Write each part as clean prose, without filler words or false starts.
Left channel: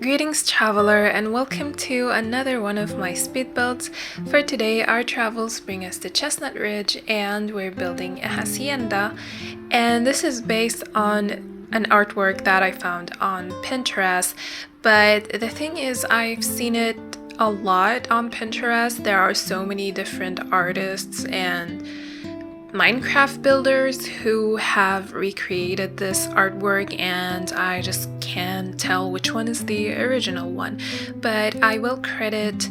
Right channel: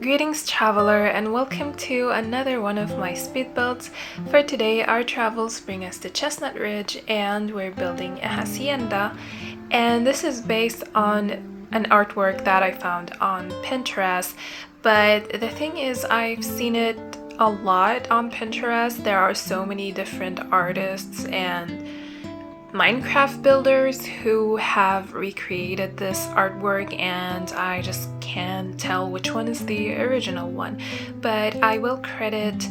Greetings traveler, and welcome to another one of my speed builds. For today our travels bring us to Chestnut Ridge and we're building a hacienda, and this is based on an artwork that I found on Pinterest. But the thing is, I've seen it a lot on Pinterest. There are so many different artists and Minecraft builders who have recreated this artwork, and I just can't tell which one is the original one. But I will credit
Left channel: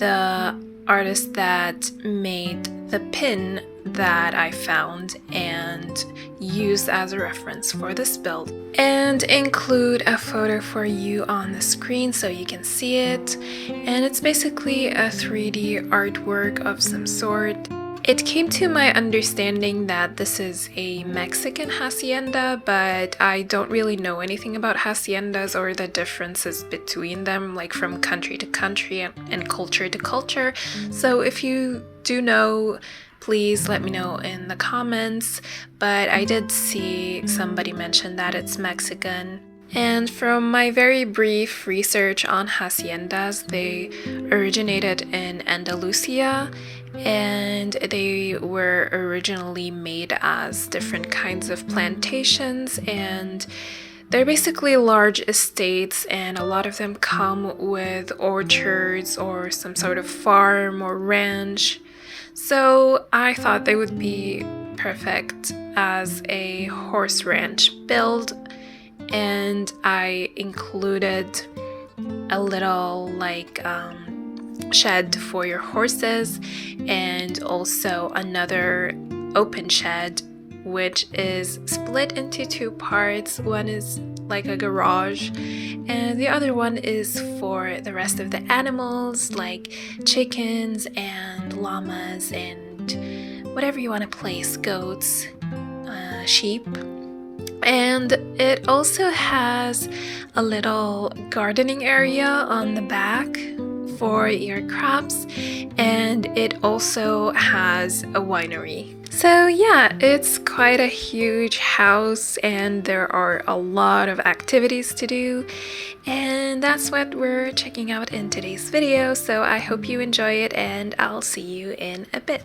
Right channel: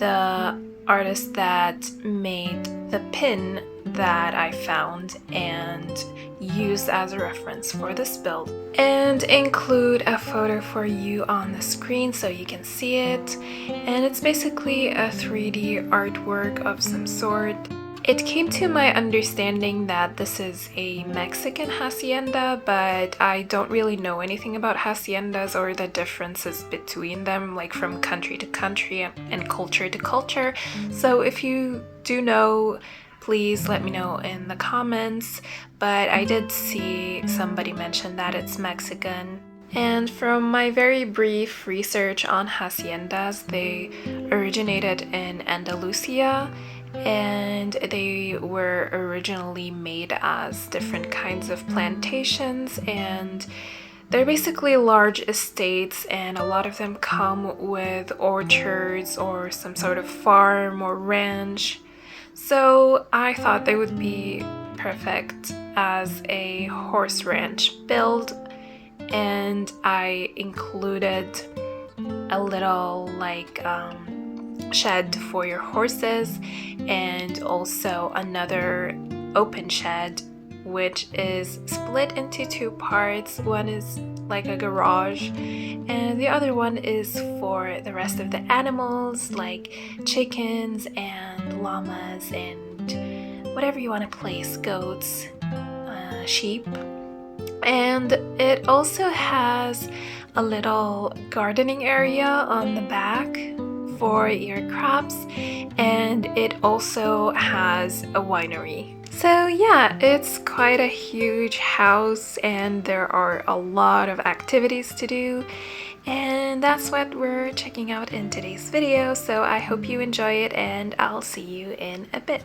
the artist that made the pin that I found and used as a reference for this build, and include a photo for you on the screen so you can see it. And it's basically a 3D artwork of some sort. It came to my understanding that this is a Mexican hacienda, but I don't really know anything about haciendas or the differences between them, like from country to country and culture to culture. So if you do know, please let me know in the comments. But I did see somebody mention that it's Mexican. And from my very brief research on haciendas, they originated in Andalusia, and they were originally made as different kinds of plantations, and they're basically large estates, and a lot of them come with orchards or some sort of farm or ranch. So I thought they would be perfect as a horse ranch build, and I included a little shed for your horses, and also another open shed which is split into two parts. One is like a garage and the other one is for the rest of the animals, like chickens and llamas and whatever you want to place, goats, sheep. And it also has a little gardening area on the back for your crops, and it also has a winery. So yeah, it's quite a huge house and there are a lot of activities to do, and that's what we're checking out in today's video. So I hope you enjoy it and I'll see you in a bit.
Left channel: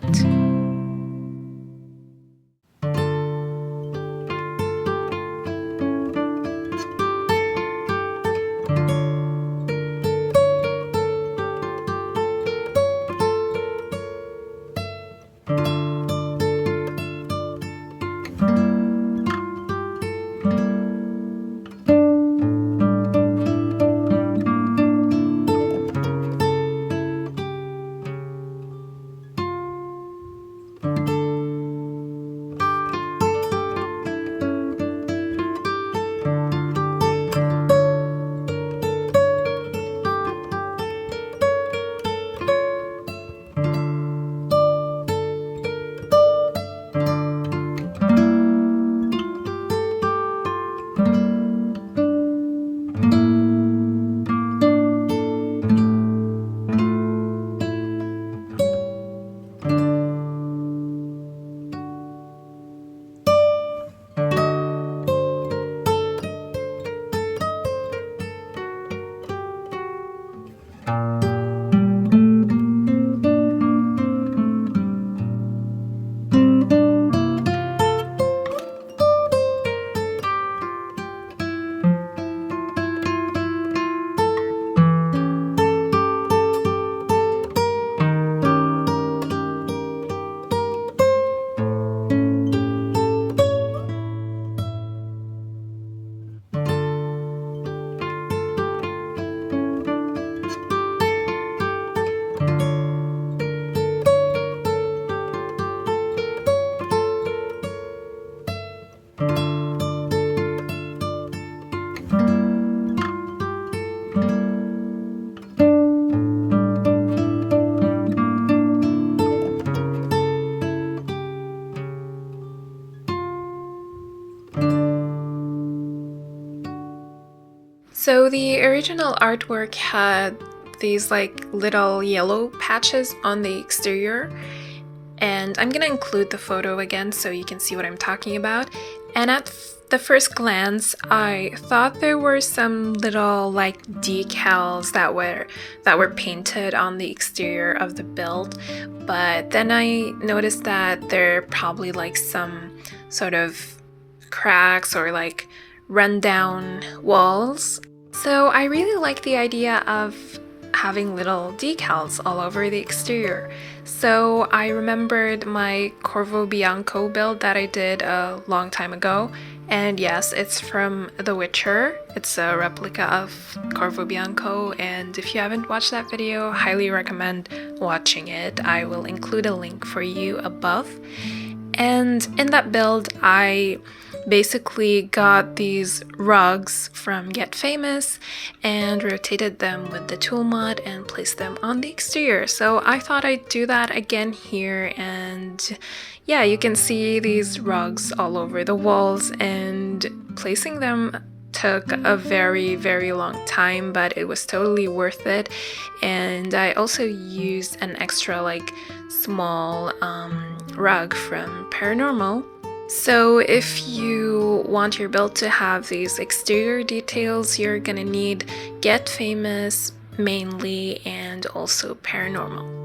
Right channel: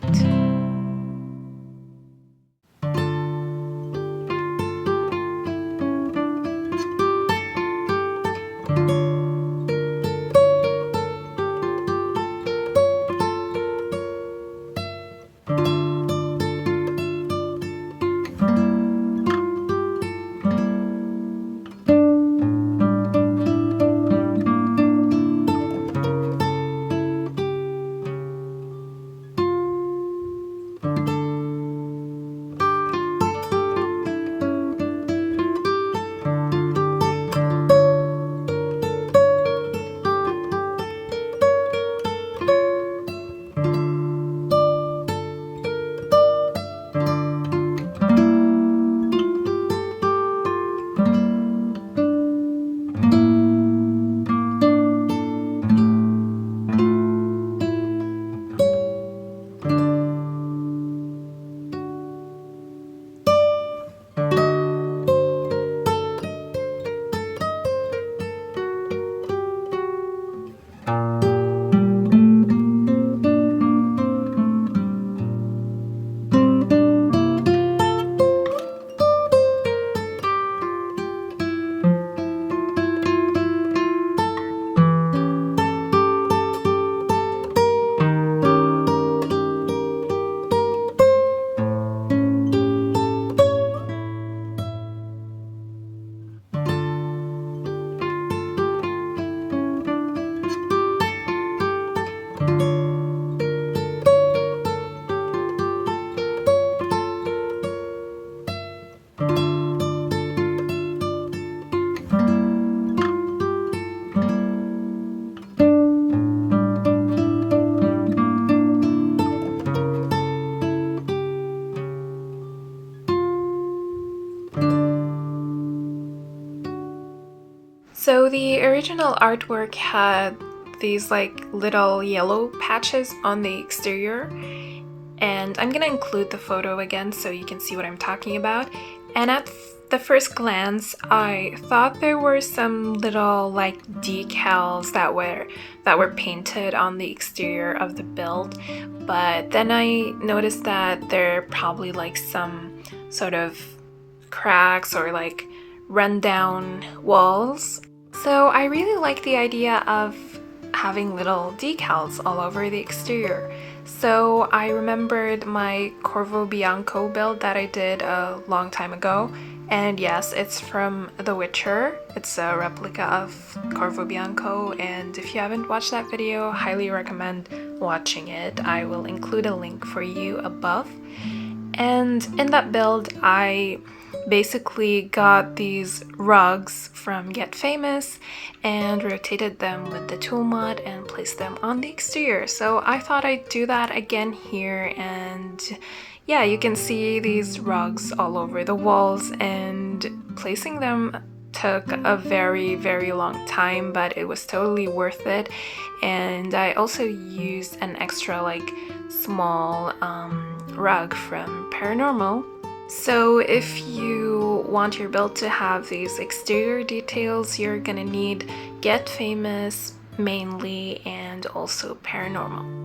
So the original artwork had these like little yellow patches on the exterior, and I'm gonna include the photo again so you can see what I'm talking about. And at the first glance, I thought there were some little like decals that were painted on the exterior of the build, but then I noticed that they're probably like some sort of cracks or like rundown walls. So I really like the idea of having little decals all over the exterior. So I remembered my Corvo Bianco build that I did a long time ago, and yes, it's from The Witcher. It's a replica of Corvo Bianco, and if you haven't watched that video, highly recommend watching it. I will include a link for you above. And in that build, I basically got these rugs from Get Famous and rotated them with the T.O.O.L Mod and placed them on the exterior. So I thought I'd do that again here, and yeah, you can see these rugs all over the walls, and placing them took a very long time, but it was totally worth it. And I also used an extra like small rug from Paranormal. So if you want your build to have these exterior details, you're gonna need Get Famous mainly, and also Paranormal.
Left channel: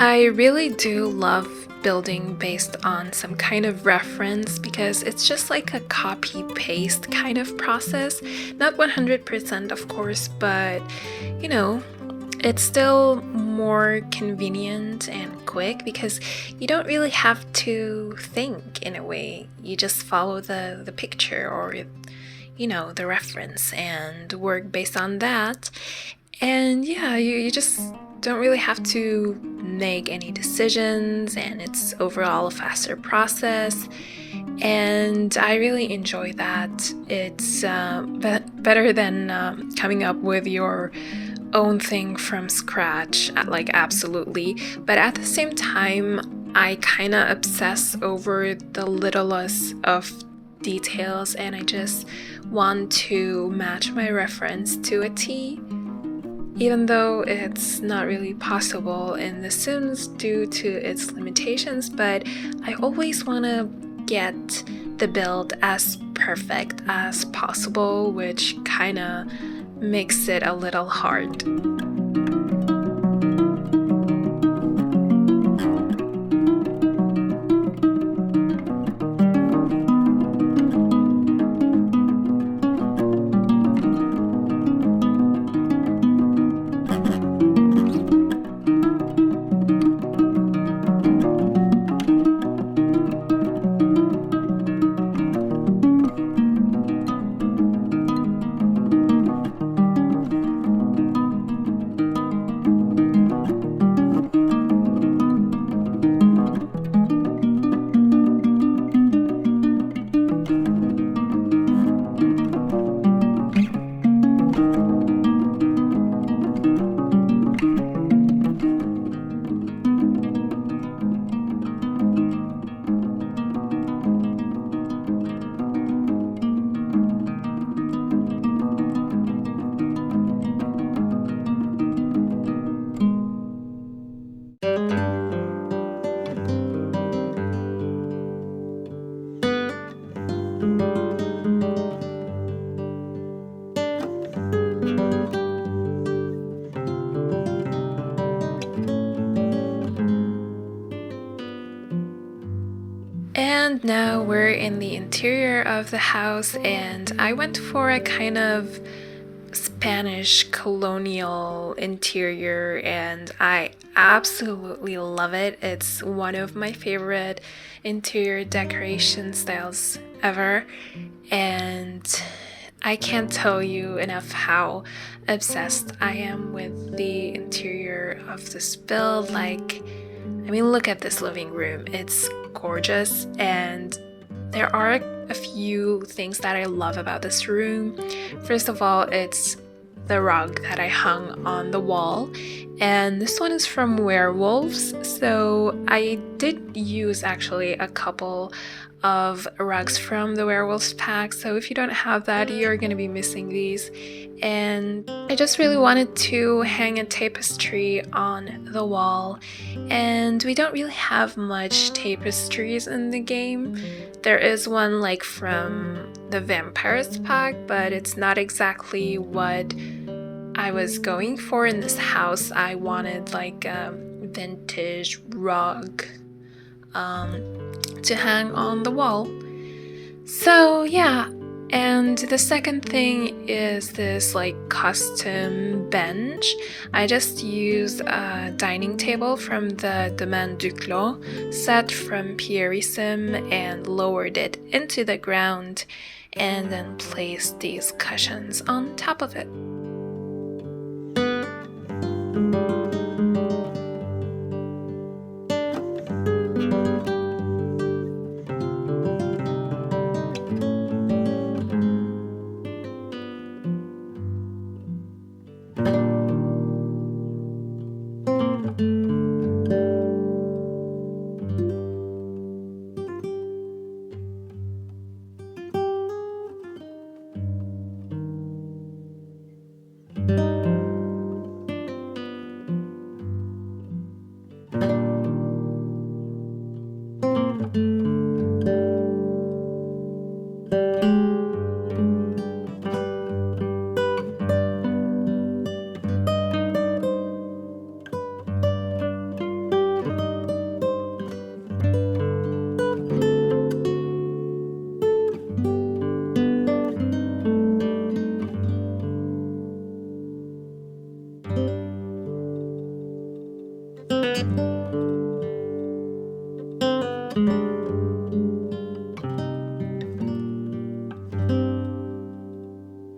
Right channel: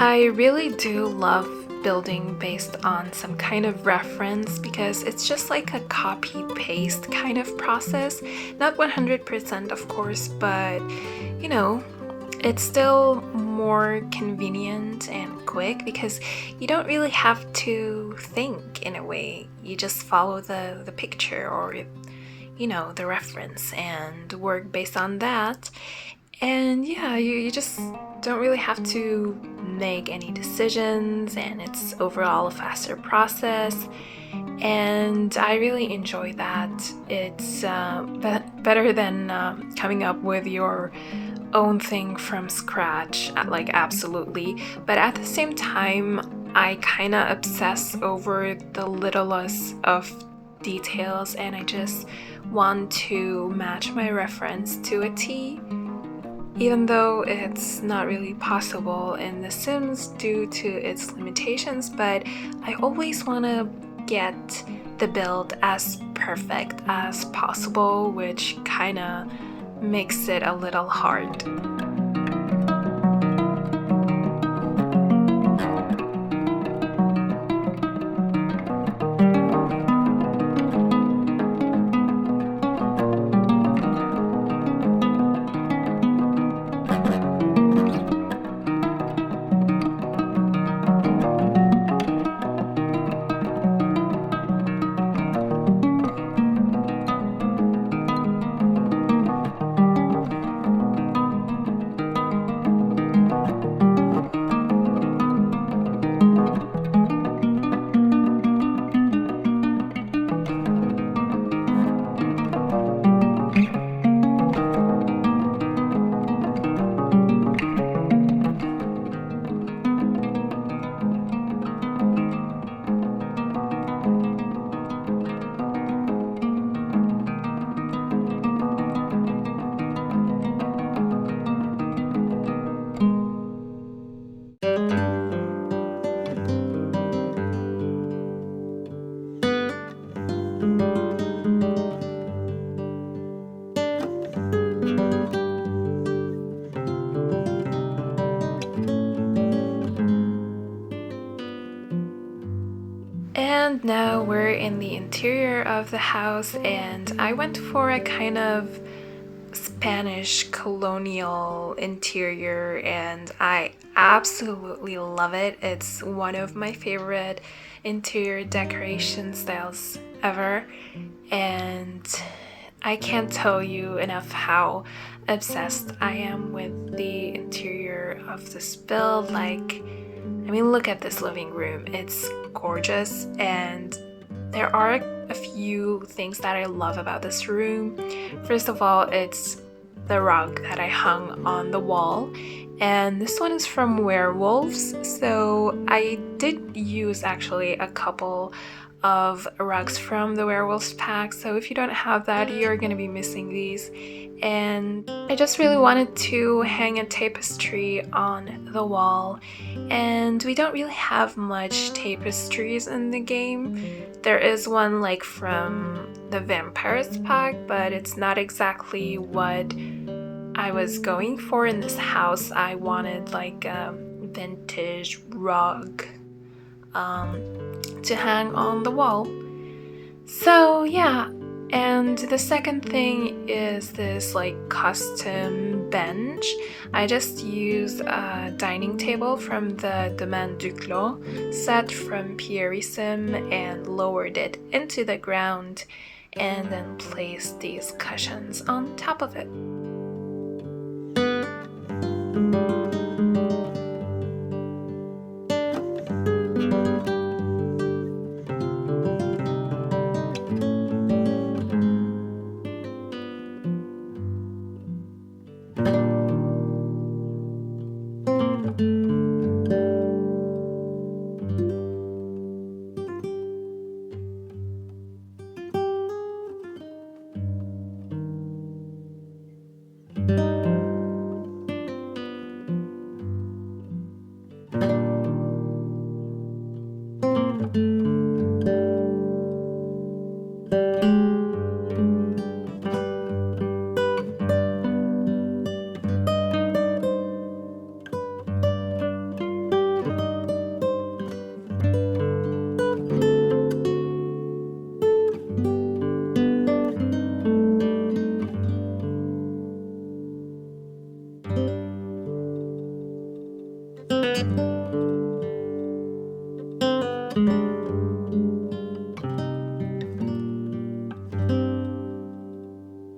I really do love building based on some kind of reference, because it's just like a copy-paste kind of process. Not 100% of course, but you know, it's still more convenient and quick because you don't really have to think in a way. You just follow the picture or you know, the reference and work based on that. And yeah, you just don't really have to make any decisions, and it's overall a faster process. And I really enjoy that. It's better than coming up with your own thing from scratch, like absolutely. But at the same time, I kind of obsess over the littlest of details, and I just want to match my reference to a T. Even though it's not really possible in The Sims due to its limitations, but I always want to get the build as perfect as possible, which kind of makes it a little hard. And now we're in the interior of the house, and I went for a kind of Spanish colonial interior, and I absolutely love it. It's one of my favorite interior decoration styles ever, and I can't tell you enough how obsessed I am with the interior of this build. Like, I mean, look at this living room. It's gorgeous, and there are a few things that I love about this room. First of all, it's the rug that I hung on the wall, and this one is from Werewolves, so I did use actually a couple of rugs from the Werewolves pack, so if you don't have that, you're gonna be missing these. And I just really wanted to hang a tapestry on the wall, and we don't really have much tapestries in the game. There is one like from the Vampires pack, but it's not exactly what I was going for in this house. I wanted like a vintage rug to hang on the wall. So yeah, and the second thing is this like custom bench. I just used a dining table from the Domaine du Clos set from Pierism and lowered it into the ground, and then placed these cushions on top of it.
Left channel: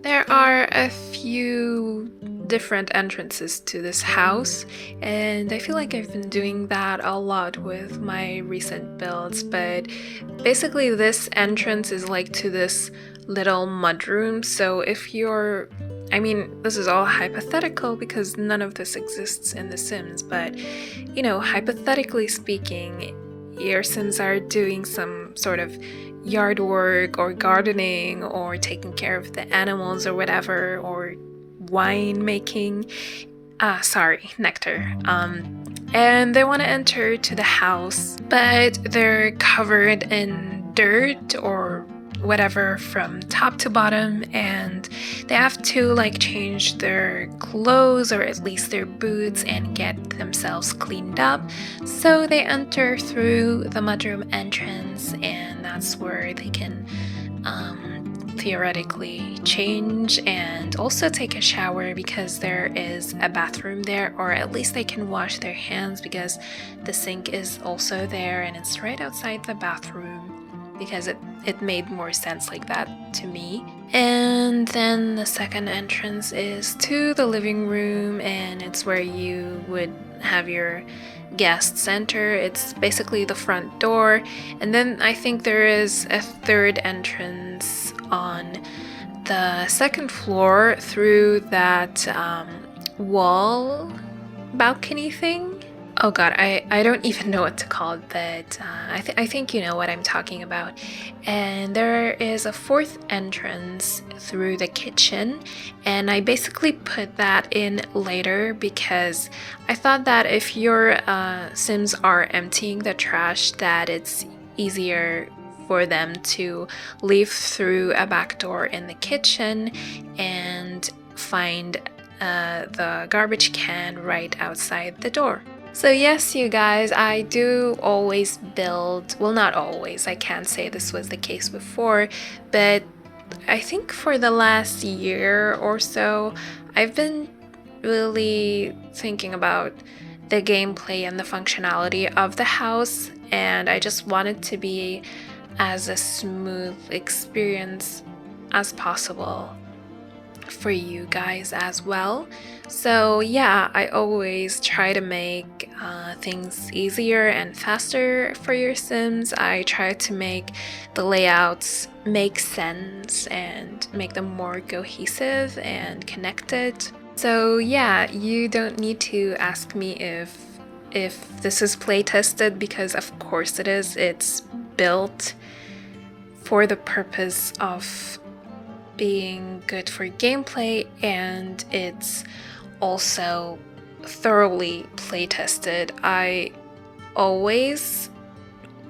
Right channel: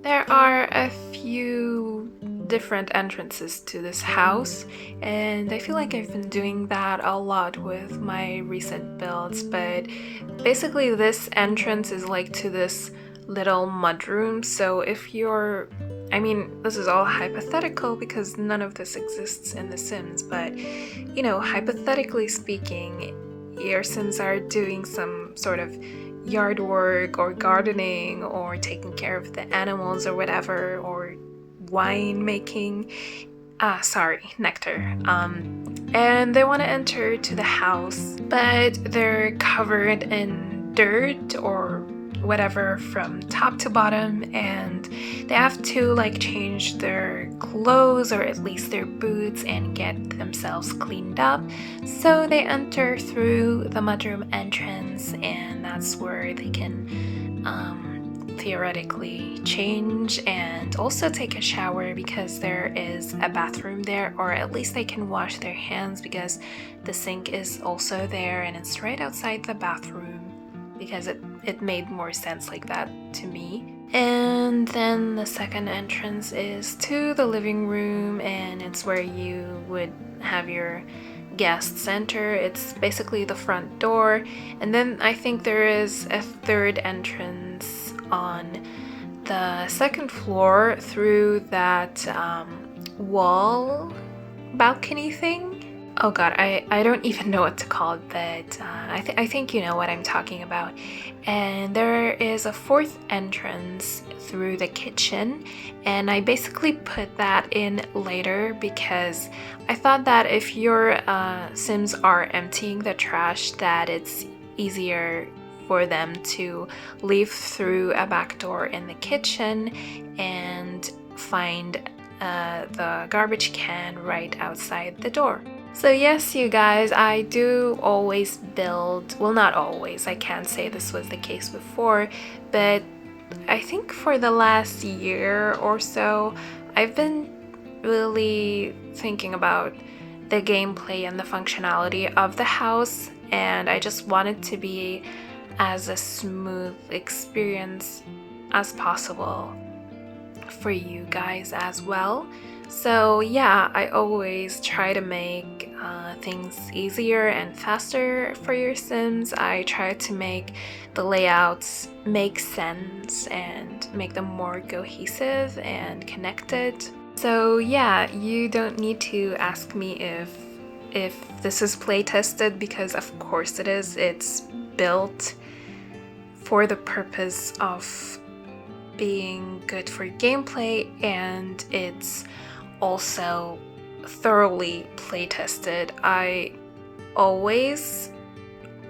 There are a few different entrances to this house, and I feel like I've been doing that a lot with my recent builds, but basically this entrance is like to this little mudroom. So if you're, I mean, this is all hypothetical because none of this exists in The Sims, but you know, hypothetically speaking, your Sims are doing some sort of yard work or gardening or taking care of the animals or whatever, or wine making, nectar, and they want to enter to the house, but they're covered in dirt or whatever from top to bottom, and they have to like change their clothes or at least their boots and get themselves cleaned up. So they enter through the mudroom entrance, and that's where they can theoretically change and also take a shower because there is a bathroom there, or at least they can wash their hands because the sink is also there and it's right outside the bathroom, because it made more sense like that to me. And then the second entrance is to the living room, and it's where you would have your guests enter. It's basically the front door, and then I think there is a third entrance on the second floor through that wall balcony thing. Oh god, I don't even know what to call it, but I think you know what I'm talking about. And there is a fourth entrance through the kitchen, and I basically put that in later because I thought that if your Sims are emptying the trash, that it's easier for them to leave through a back door in the kitchen and find the garbage can right outside the door. So yes, you guys, I do always build, well, not always, I can't say this was the case before, but I think for the last year or so, I've been really thinking about the gameplay and the functionality of the house, and I just want it to be as a smooth experience as possible for you guys as well. So yeah, I always try to make things easier and faster for your Sims. I try to make the layouts make sense and make them more cohesive and connected. So yeah, you don't need to ask me if this is play tested, because of course it is. It's built for the purpose of being good for gameplay, and it's also thoroughly play tested. I always,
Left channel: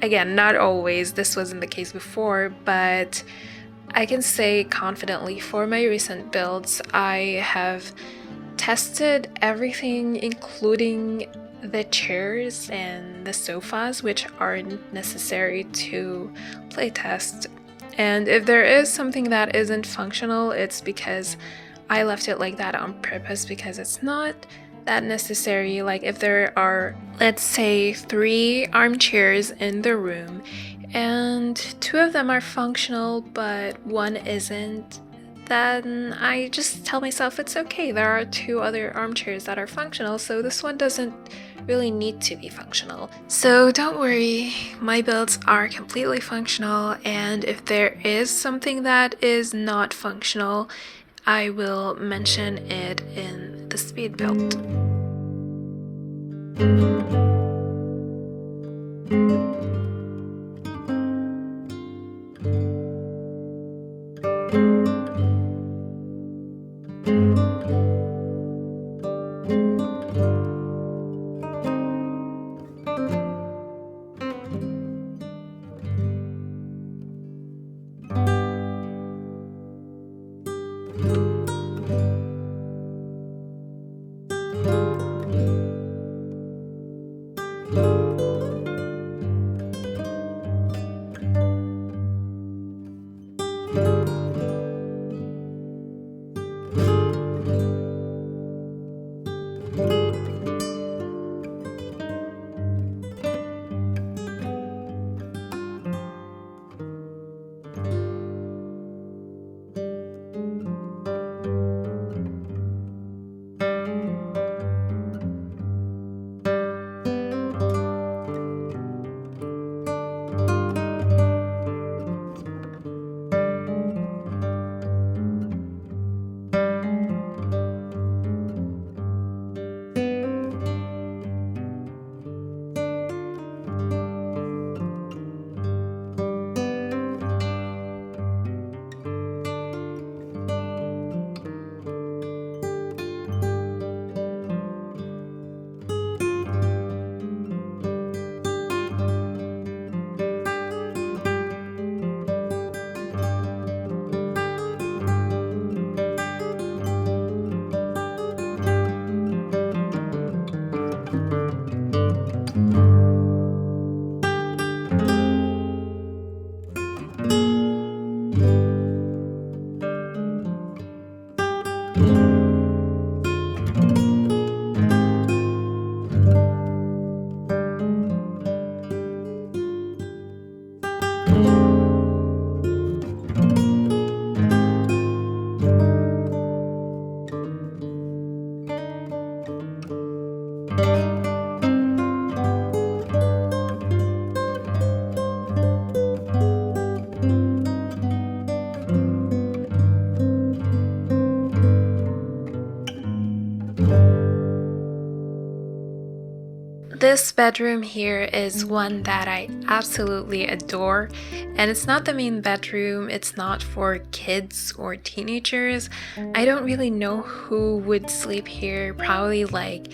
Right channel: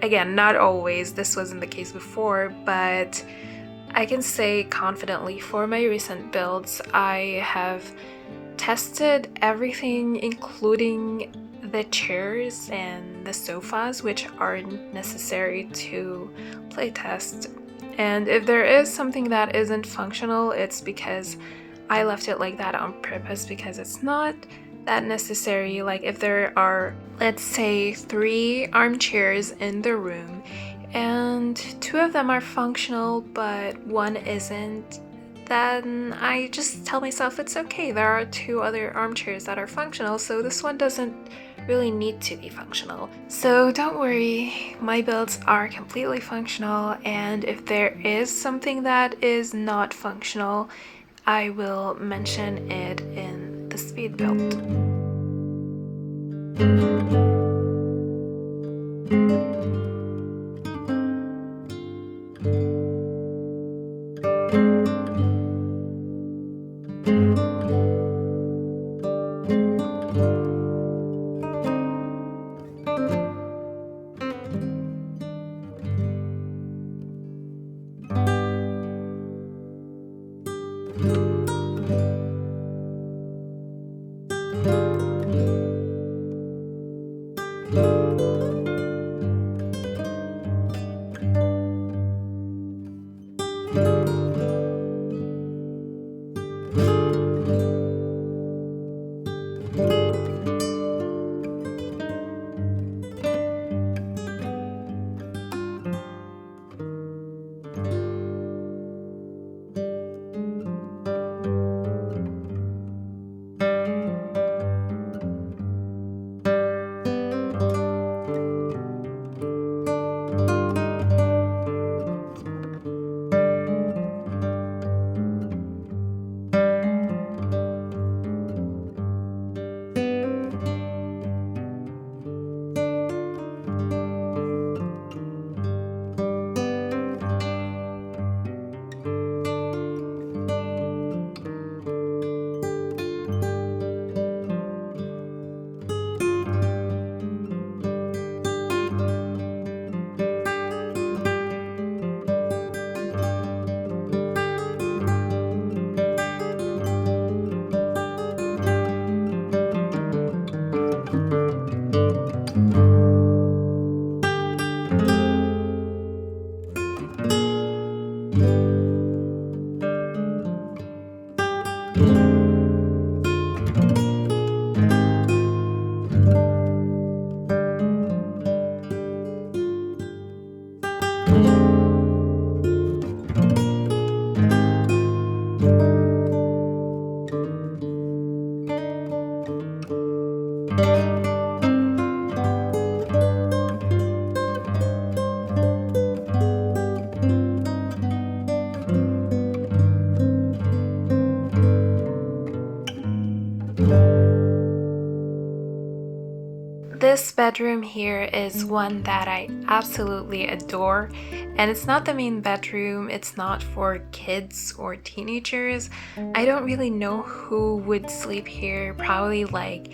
again, not always, this wasn't the case before, but I can say confidently for my recent builds, I have tested everything, including the chairs and the sofas, which are necessary to playtest. And if there is something that isn't functional, it's because I left it like that on purpose, because it's not that necessary. Like if there are, let's say, 3 armchairs in the room and 2 of them are functional but 1 isn't, then I just tell myself it's okay, there are 2 other armchairs that are functional, so this one doesn't really need to be functional. So don't worry, my builds are completely functional, and if there is something that is not functional, I will mention it in the speed build. This bedroom here is one that I absolutely adore, and it's not the main bedroom, it's not for kids or teenagers. I don't really know who would sleep here, probably like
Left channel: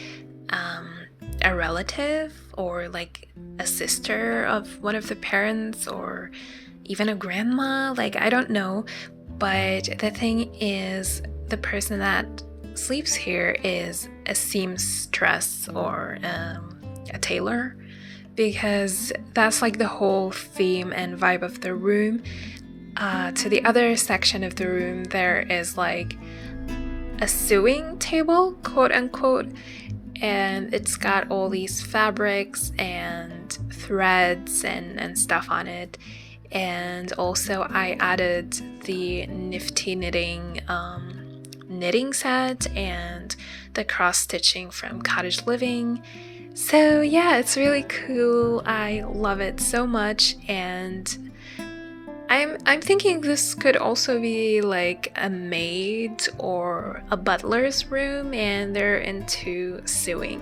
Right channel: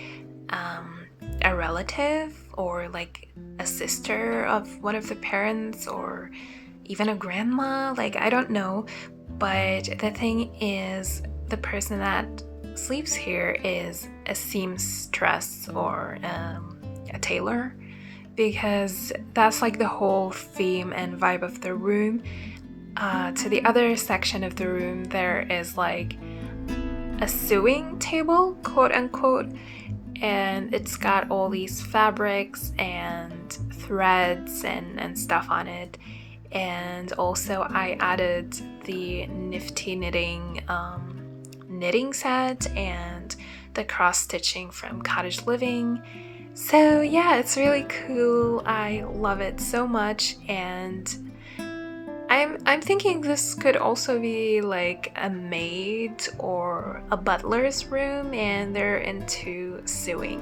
a relative or like a sister of one of the parents or even a grandma, like I don't know. But the thing is, the person that sleeps here is a seamstress or a tailor, because that's like the whole theme and vibe of the room. To the other section of the room, there is like a sewing table, quote unquote, and it's got all these fabrics and threads and stuff on it. And also I added the nifty knitting set and the cross stitching from Cottage Living. So yeah, it's really cool. I love it so much, and I'm thinking this could also be like a maid or a butler's room, and they're into sewing.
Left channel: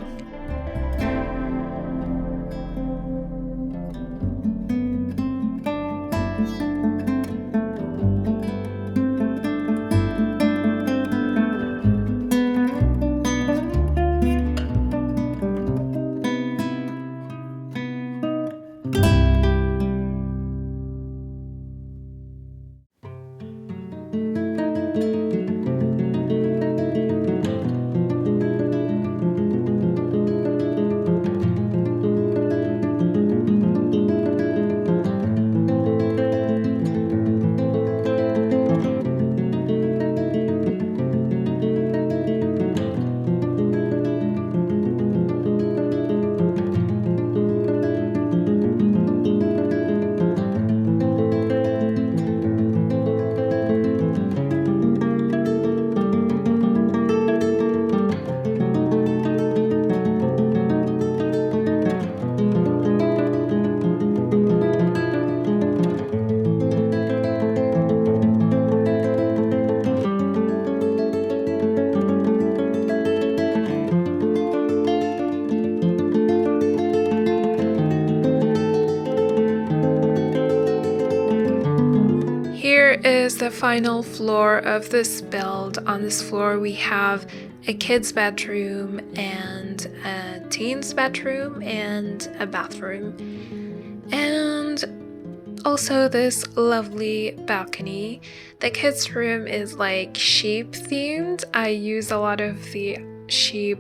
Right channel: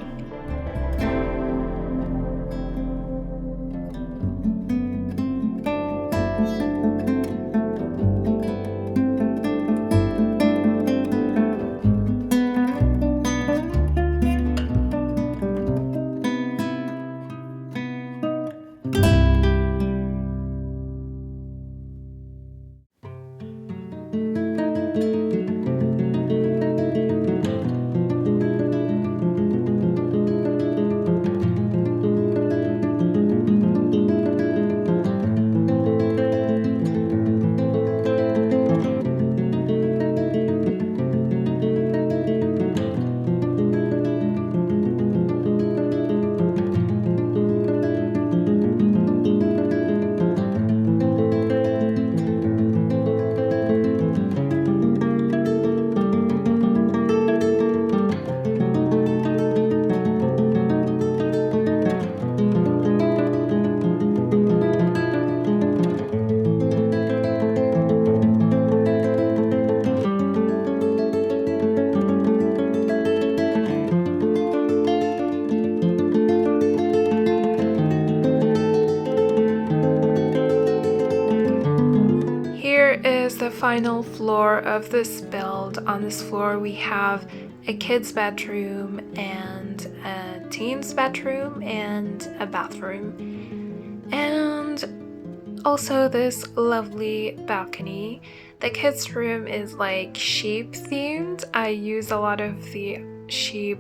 Here is the final floor of this build. On this floor we have a kid's bedroom and a teen's bedroom and a bathroom, and also this lovely balcony. The kids' room is like sheep themed. I used a lot of the sheep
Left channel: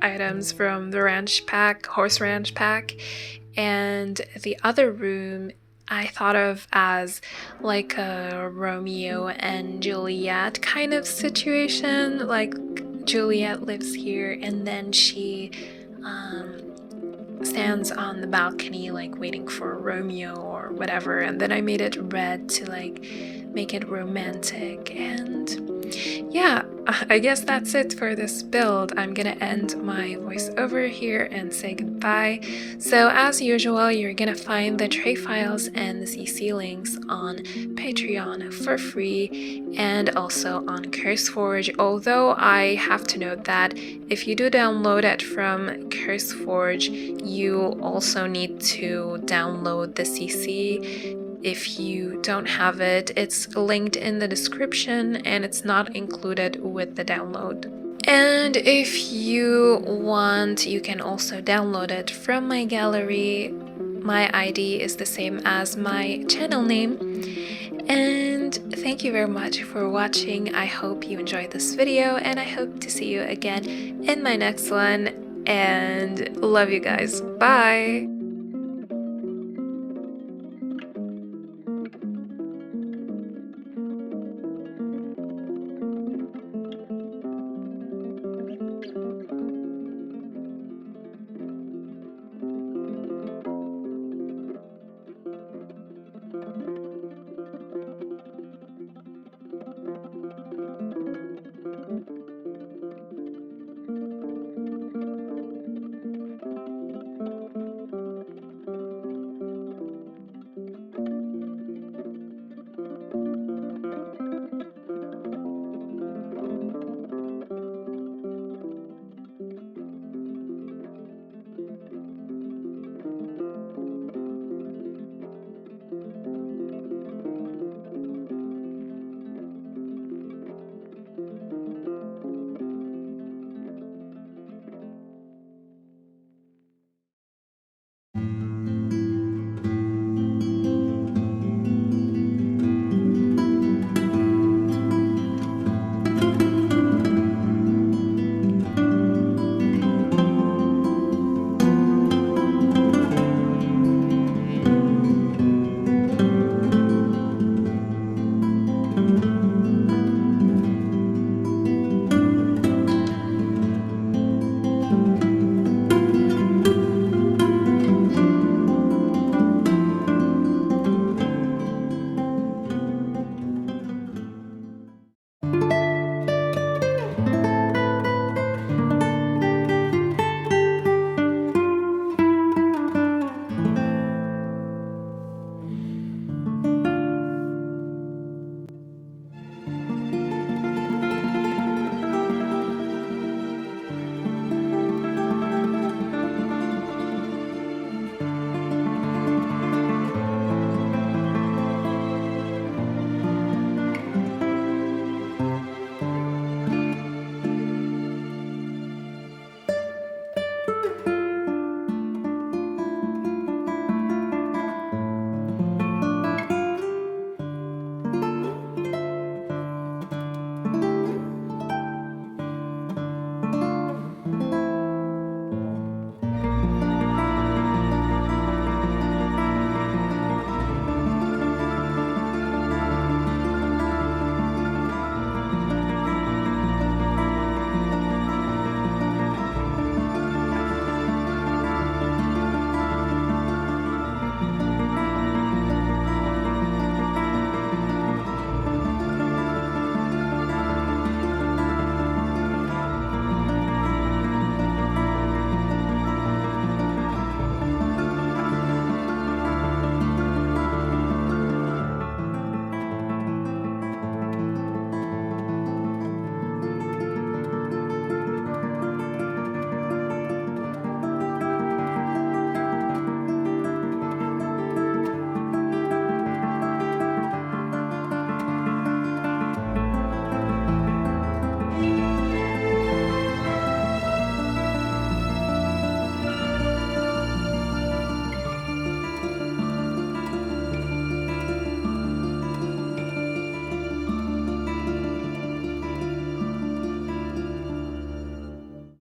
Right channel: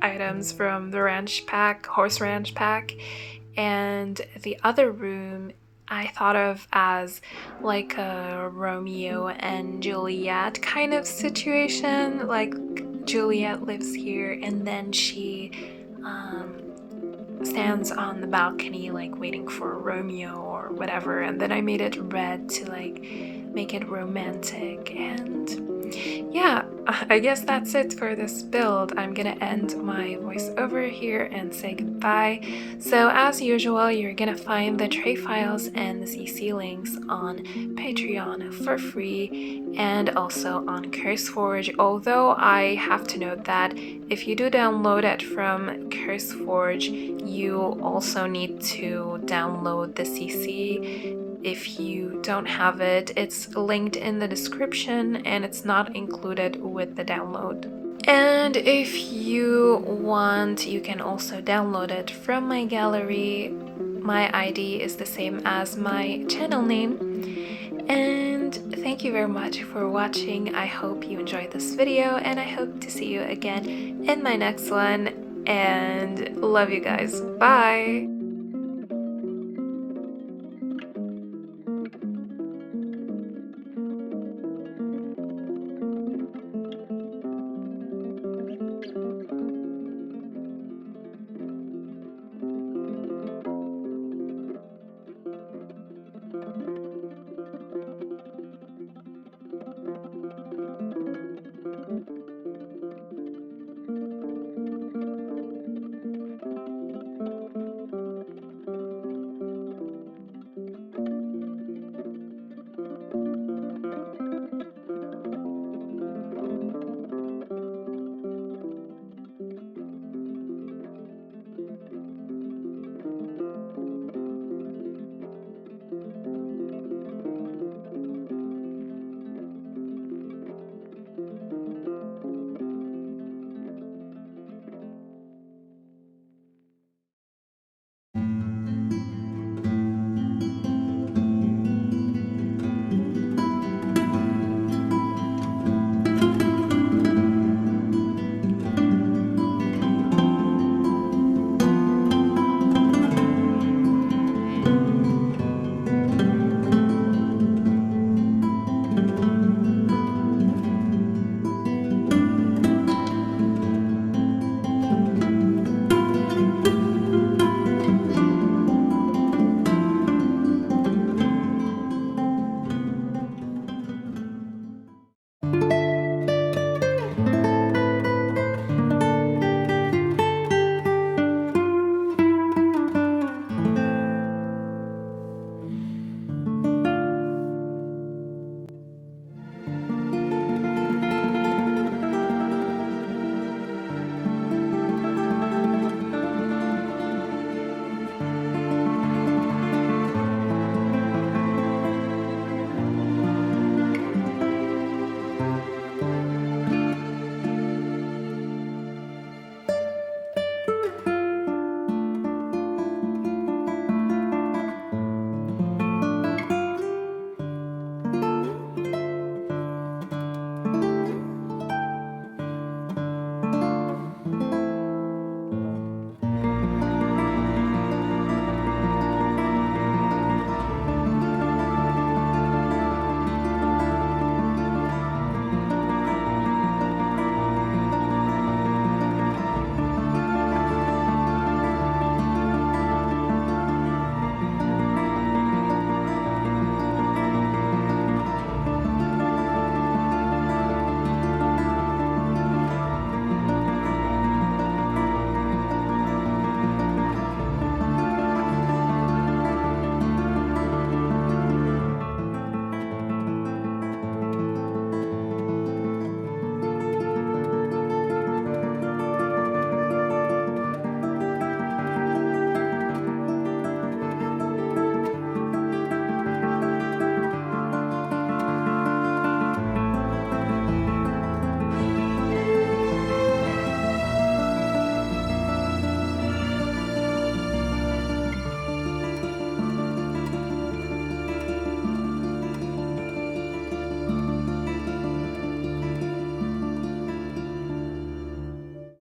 items from the ranch pack, horse ranch pack, and the other room I thought of as like a Romeo and Juliet kind of situation. Like Juliet lives here and then she stands on the balcony like waiting for Romeo or whatever, and then I made it red to like make it romantic. And yeah, I guess that's it for this build. I'm gonna end my voiceover here and say goodbye. So as usual, you're gonna find the tray files and the CC links on Patreon for free and also on CurseForge, although I have to note that if you do download it from CurseForge, you also need to download the CC. If you don't have it, it's linked in the description and it's not included with the download. And if you want, you can also download it from my gallery. My ID is the same as my channel name. And thank you very much for watching. I hope you enjoyed this video and I hope to see you again in my next one. And love you guys. Bye!